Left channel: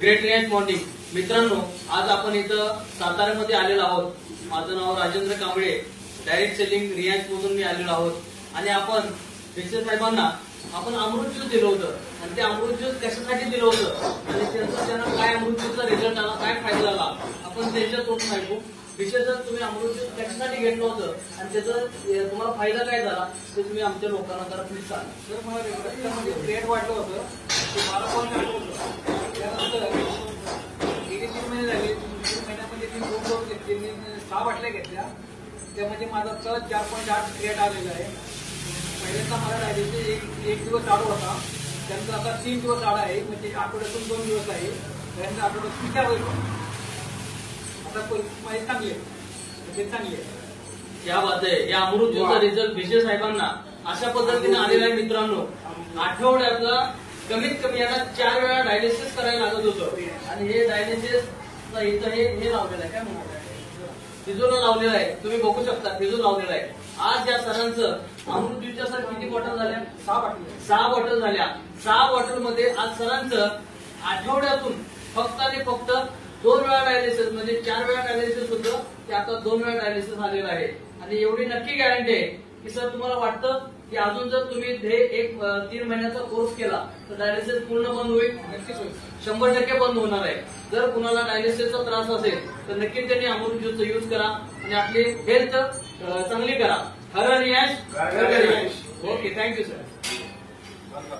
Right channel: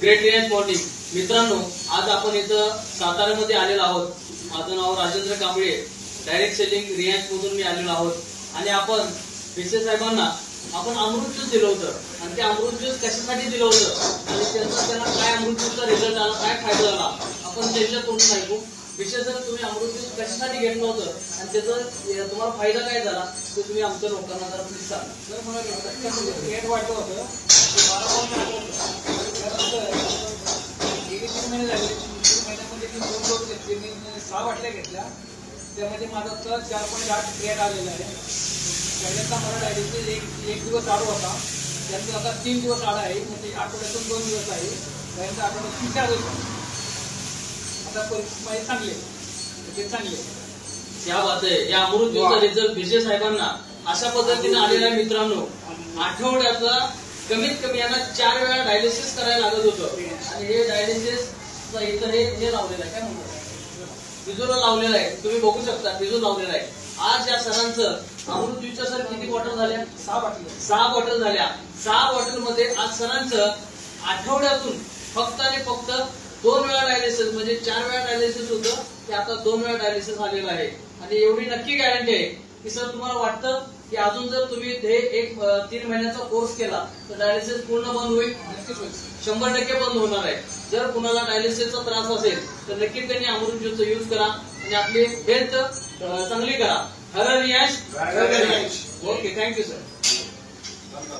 Great Riyansh morning. मित्रांनो, आज आपण इथं साताऱ्यामध्ये आलेलो आहोत. माझं नाव राजेंद्र कांबळे, डायरेक्ट सेलिंग रियांश मधून मी आलेलो आहोत. आणि आपण पेशे साहेबांना आपण अमृत ज्यूस दिलं होतं आणि ते अमृत ज्यूस कशासाठी दिलं होतं आणि त्यांना काय अमृत ज्यूसचा रिझल्ट आला, काय फायदा झाला, आपण त्यांच्या तोंडून ऐकू. विशेषतः तुम्ही अमृत ज्यूस कशासाठी घेतलं होतं आणि त्याचा तुम्हाला फायदा काय झाला ते तुम्ही आमच्या लोकांना जरा प्लीज सांगा. सर, मला रक्तामध्ये क्रिएट वाढलं होतं, ते 12 पॉईंट होतं. त्यानंतर गेले 3 महिने झाले. 3 महिन्यामध्ये 3 डोस घेतले. मी 6 बाटल्या घेतल्या. त्यामध्ये माझा 4.8 क्रिएट आलेला आहे. पहिल्यांदा मला डायबिटीज एक दिवस चालू होता, त्यानंतर आता 3 दिवस आला आहे. म्हणजे आठवड्यातून 2 दिवस आहे. त्यानंतर आठवड्यातून 4 दिवस. आता परिस्थिती माझी चांगली आहे, ते चांगली आहे. या बात आहे. या अमृत ज्यूसचा रिझल्ट पेशे साहेबांना अशा पद्धतीने आलेला आहे. मित्रांनो, आठवड्यातला कमीत कमी यांना 4 वेळा डायलिसिस करायला लागत होतं आणि हे डायलिसिस इथं हे लावलेलं आहे. काय म्हणतात, फिजूला लावलेलं आहे. तुम्ही बघू शकता, फिजू लावलेला आहे. आज या सरांचं अमृत ज्यूसच्या सर किती बॉटल झाल्या? 6 बॉटल झाल्या. 6 बॉटलमध्ये आज सरांचं आठवड्यातून फक्त आणि फक्त 2 वेळा डायलिसिस, म्हणजे 4 वेळा डायलिसिस होतं, ते आता 2 वेळा डायलिसिस आलेलं आहे. आणि एवढी नक्की गॅरंटी आहे की सर, तुम्हाला वाटतं की अजून जर तुम्ही हे 3 महिन्याचा कोर्स केला तर डायलिसिस पूर्ण बंद होईल? नक्कीच होईल. 100% बंद होणार आहे. जर कुणाला डायलिसिसचा त्रास असेल तर नक्की त्यांनी अमृत ज्यूसचा यूज करा आणि आपली हेल्थ चांगली करा. हर रियांश. Okay, thank you sir.